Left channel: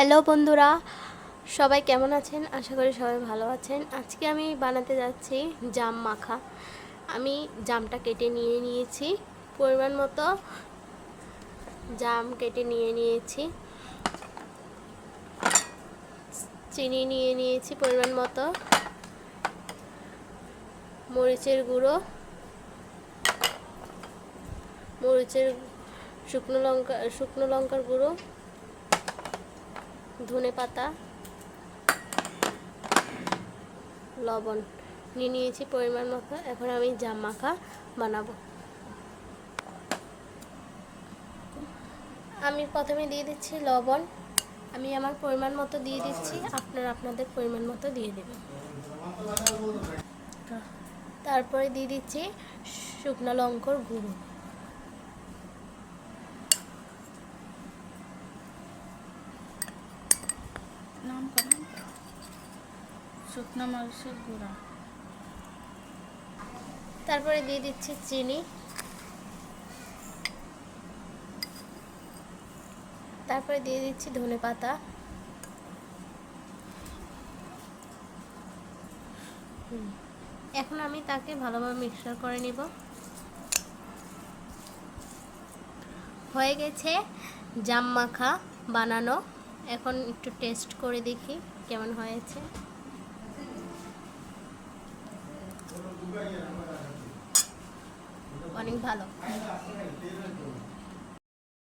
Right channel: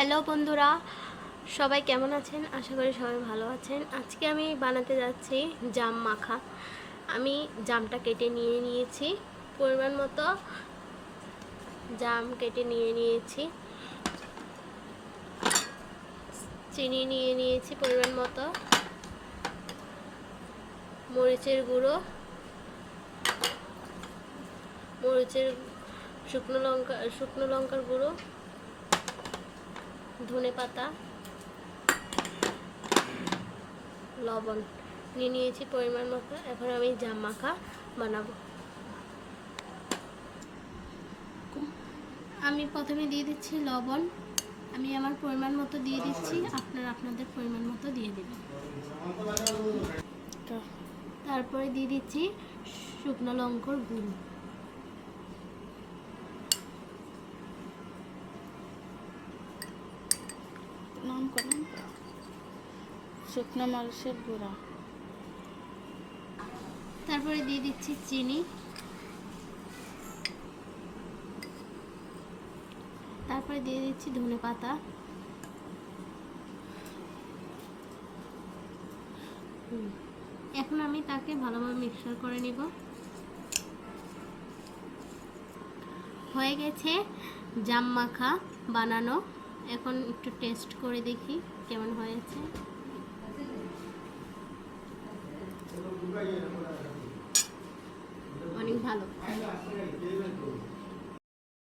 Hello বন্ধুরা, সবাই কেমন আছেন? আশা করি সবাই ভালো আছেন। আজকে আমি বানাতে যাচ্ছি জাম মাখা। আমি জামটা কেটে নিয়েছি, পরিমাণ মতো জাম কেটে নিয়েছি, চিনি নিয়েছি পরিমাণ মতো, মরিচের গুঁড়ো, শুকনো লঙ্কার গুঁড়ো, ধনে পাতা, লবণ নিয়েছি পরিমাণ মতো। এখন আমি জাম মাখা বানাবো। আমি প্রথমে দিয়ে দিচ্ছি লবণ। আমি আমার পরিমাণ মতো দিয়ে দিচ্ছি, আপনারা আপনাদের পরিমাণ মতো দিয়ে দেবেন। তারপরে দিয়ে দিচ্ছি শুকনো লঙ্কার গুঁড়ো, শুকনো মরিচের গুঁড়া, তারপরে দিয়ে দিচ্ছি চিনি, তারপরে দিয়ে দিচ্ছি ধনে পাতা, এখন আমি তাকে ভালোভাবে মিক্সচার করে নিব। হয়ে গেছে জাম মাখা বানানো। এখন একটু টেস্ট করে দেখি কেমন হয়েছে। অনেক ভালো।